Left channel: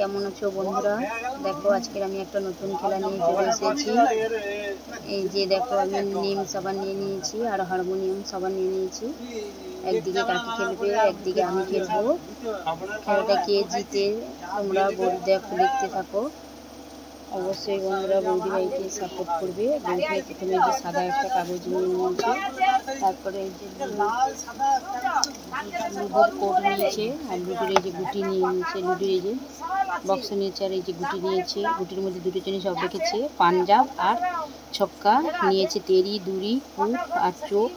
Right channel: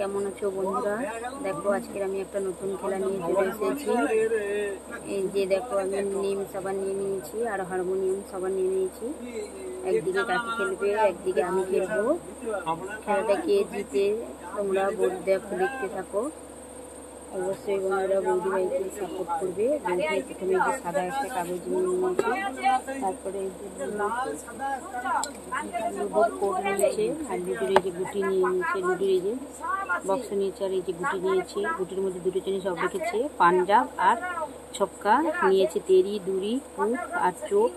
কেমন আছো বন্ধুরা? দেখো আজকের আমি একটা নতুন খেলা নিয়ে চলে এসেছি। এই যে দেখো আমি নিম সাবান নিয়ে নিয়েছি আর হারমোনিয়াম সাবান নিয়ে নিয়েছি। একদিকে কাকি খেলবে, একদিকে আমি খেলবো। খেলাটা কে জিতে তোমরা দেখো, দেখতে থাকো। অবশ্যই বন্ধুরা বৌদি ভাইকে সাপোর্ট করবে। বৌদি ভাই প্রথমে যে সাদা একটা কাগজ নিয়ে নিয়েছে, তারপরে এই যে লুডোর কোড নিয়েছে আর লুডোর এই যে গুটি নিয়ে নিয়েছে, লুডোর এই যে বক্স নিয়েছে আর এই যে গুটি নিয়েছে। গুটির মধ্যে দুটো জিনিস সব রেখেছে, পাঞ্জাব আর ছক্কা নিয়েছে, তেরি, দুরি, কুট আর চোখ।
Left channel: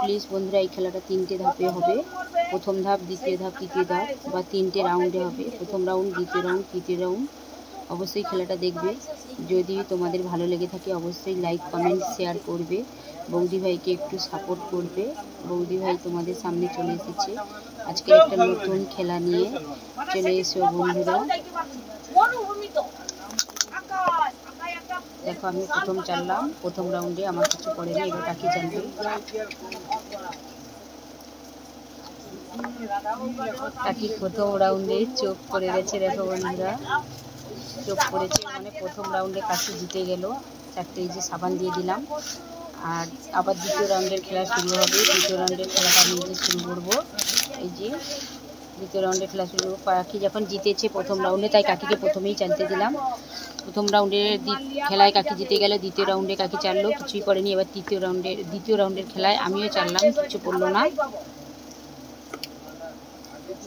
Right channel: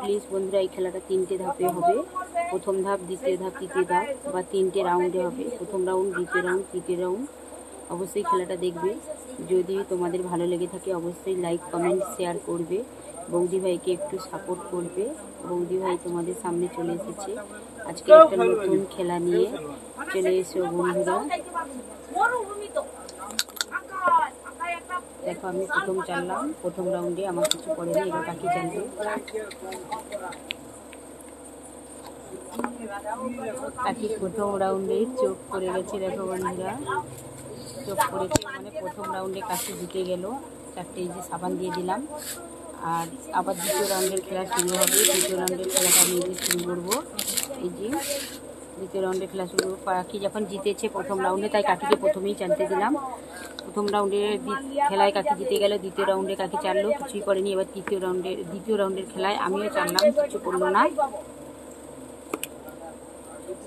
প্লিজ বন্ধুরা এই খেলাটা 3টে ধাপে হবে। প্রথম ধাপ, দ্বিতীয় ধাপ, তৃতীয় ধাপ বা 3টে রাউন্ডে হবে। প্রথম রাউন্ড, দ্বিতীয় রাউন্ড, তৃতীয় রাউন্ড। অবশ্যই খেলাটা দেখবে। যদি তোমাদের ভালো লেগে থাকে অবশ্যই লাইক, কমেন্ট, শেয়ার করবে। বৌদি ভাইকে একটু সাপোর্ট করবে। বৌদি ভাই তোমাদের সামনে চলে এসেছে আজকে একটা নতুন খেলা নিয়ে। চলে এসো বন্ধুরা। দেখো আমি প্রথম চাললাম, প্রথম রাউন্ডে আমার কিছু করেনি। এবার কাকি জানবে। কাকি প্রথম রাউন্ডে চোখ করে গেছে। দেখো বন্ধুরা চোখ করেছে, মানে প্রথম রাউন্ডে কাকি জিতে গেল। 4টে এই যে সাবান দিয়ে দিলাম। আর আবার দ্বিতীয় রাউন্ডের খেলা শুরু হবে। দ্বিতীয় রাউন্ডের খেলাটা আমি যে শুরু করবো। এই যে দ্বিতীয় রাউন্ডের খেলা শুরু করবো। কাকি যখন জিতেছে প্রথম রাউন্ডে, তাই কাকিকে প্রথমেই চালতে দিলাম। প্রথম রাউন্ডের খেলায় কাকি জিতে গেল। দ্বিতীয় রাউন্ডে কাকি চাললো, কিছুই করেনি। এবার দ্বিতীয় রাউন্ডের খেলায় আমিও চাললাম, কিছু করলো না।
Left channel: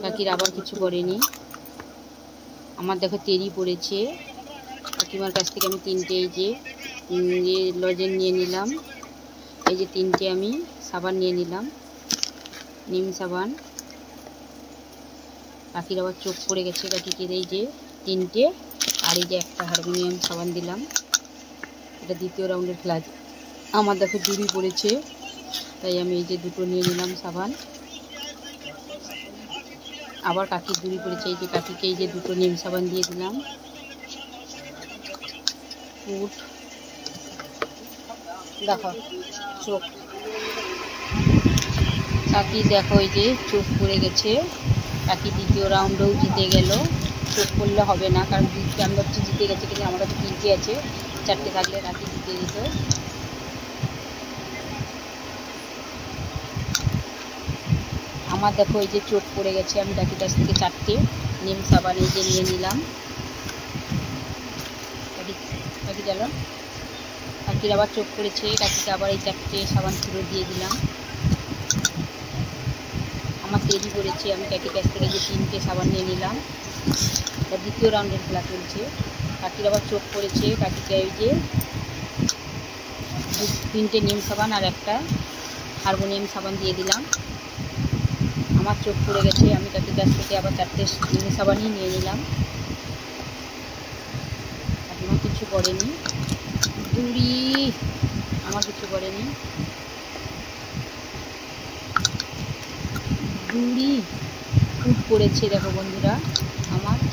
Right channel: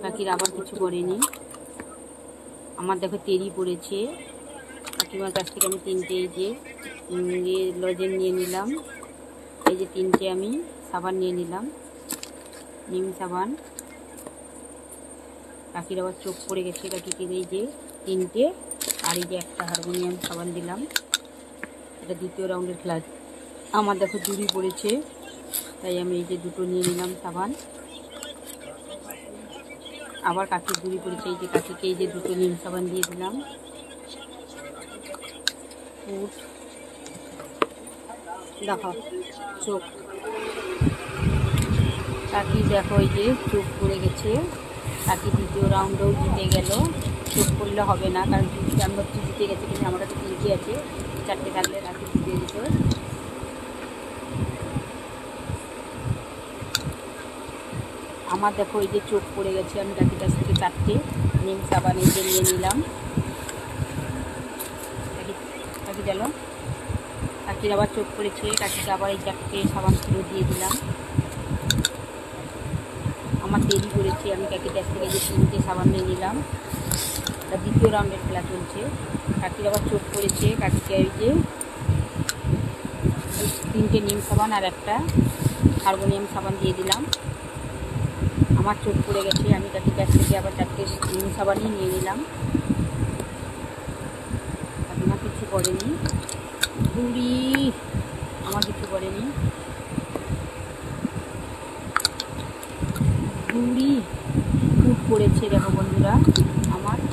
কাকির আবার কিছু করেনি। আমার দেখো তেরি পড়েছে। কাকিমার কাছ থেকে আমি 3টে এই যে লজেন নিয়ে নিলাম। এই যে 3টে আমি সাবান নিয়ে নিলাম, নিম সাবান। কাকির আবার চোখ পড়ে গেছে। কাকিকে এই যে 3টে আর এই যে একটা হারমোনিয়াম সাবান দিলাম। এটা দ্বিতীয় রাউন্ডের খেলা। আমার দেখো দুরি পড়েছে, তাই আমি এই যে 2টো নিয়ে নিলাম সাবান। আবার কাকির দুরি পড়েছে, এই যে কাকিকে এই যে 2টো নিম সাবান দিয়ে দিলাম। দেখো চোখ, কাকি দেখো এই যে চোখ পড়ে গেছে। কাকি দ্বিতীয় রাউন্ডেও জিতে গেল। চোখ পড়লে হবে না, কারণ আমরা হচ্ছে জিতে গেছে, কিন্তু আমার কাছে 3টে আছে। 4টে থাকলে কাকি জিতে দিত। আমার দেখো এই যে চোখ পড়ে গেছে। আমি কাকির কাছ থেকে 4টে নিম সাবান এই যে নিয়ে নিলাম। কাকি চলো। কাকির আবার চোখ পড়েছে। কাকিকে আবার এই 4টে সাবান ফেরত দিয়ে দিলাম। আমার তেরি পড়েছে। আমি কাকির কাছ থেকে যে 3টে সাবান নিয়ে নিলাম। দ্বিতীয় রাউন্ডের খেলা চলছে। কাকির আবার চোখ পড়েছে। কাকিকে এই যে 3টে নিম সাবান আর একটা হারমোনিয়াম সাবান দিয়ে দিলাম। আমার চোখ পড়ে গেছে। আমি কাকির কাছ থেকে আবার 4টে নিম সাবানই নিয়ে নিলাম। কাকিমা কিছু করেনি। দুরি আমার কিছু করেনি। দুরি ফুট পড়েছে। দেখো বন্ধুরা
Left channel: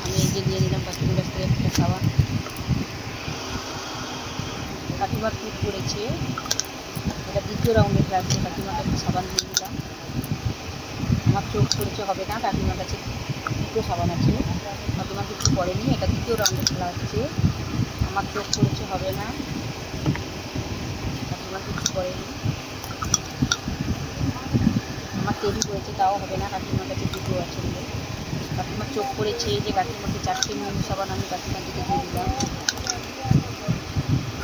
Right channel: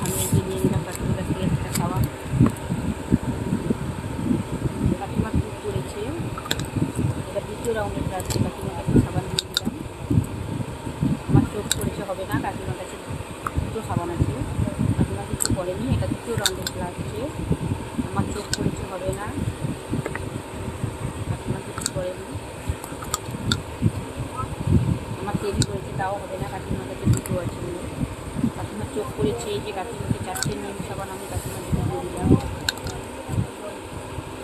আমি এই যে নিয়ে নিলাম কাকিমার কাছ থেকে একটা সাবান। কাকিমার ফুট পড়েছে। এটা দ্বিতীয় রাউন্ডে খেলা হচ্ছে। কাকিমার কাছে সাবান দিয়ে দিলাম। আমার চোখ পড়েছে, হবে না। কাকিমার কাছে 2টো সাবান আছে। কাকিমা কিছু করেনি। এটা দ্বিতীয় রাউন্ডে খেলা হচ্ছে। আমার চোখ পড়েছে, হবে না। কাকিমা কিছু করেনি। আমার তেরি পড়েছে, তাও হবে না। কাকিমার কাছে 2টো আছে। কাকিমার চোখ পড়েছে। এই যে কাকিমাকে 4টে নিম সাবান আমি কাকিমাকে দিয়ে দিলাম।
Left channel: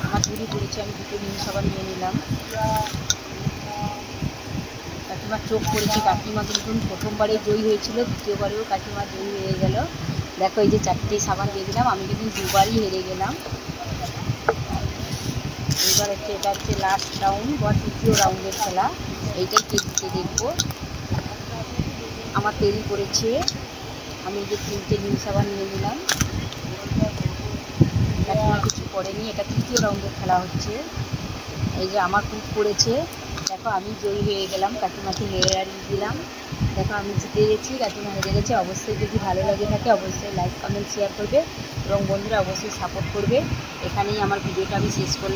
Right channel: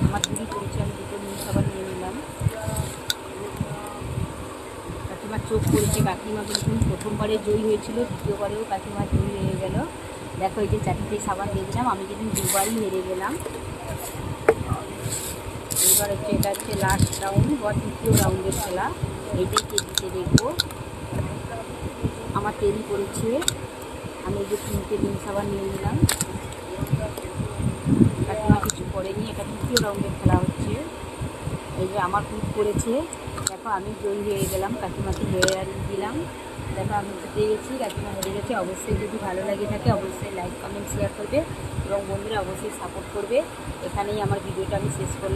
আমার দুরি পড়েছে। আমি 2টো নিম সাবান নিয়ে নিলাম। কাকিমার চোখ পড়েছে। কাকিমা কিন্তু প্রথমবারে জয়ী হয়েছিল, দ্বিতীয়বারেও কাকিমা জয়ী হয়ে গেল। দেখো এই যে 4টে সাবান দিয়ে দিলাম। আমি কিন্তু 2বারই হেরে গেলাম। এবার হচ্ছে এটা হচ্ছে লাস্ট রাউন্ড বা তৃতীয় রাউন্ডের খেলা। এইটাই কে জিতে দেখবো। আমার তেরি পড়েছে। আমি এই যে 3টে নিম সাবান নিয়ে নিলাম। কাকিমা কিছু করেনি। এটা তৃতীয় রাউন্ডের খেলা হচ্ছে। এই যে আমার ফুট পড়েছে। দেখো আমি জয়ী হয়ে গেলাম, কাকিমাকে হেরে দিলাম। দেখো আমি জিতে গেছি, কাকিমা হেরে গেছে। অবশ্যই যদি ভালো লাগে থাকে অবশ্যই লাইক, কমেন্ট, শেয়ার করবে এবং বন্ধুরা অবশ্যই সাপোর্ট করবে। এখানেই আমার ভিডিওটা আমি শেষ করলাম।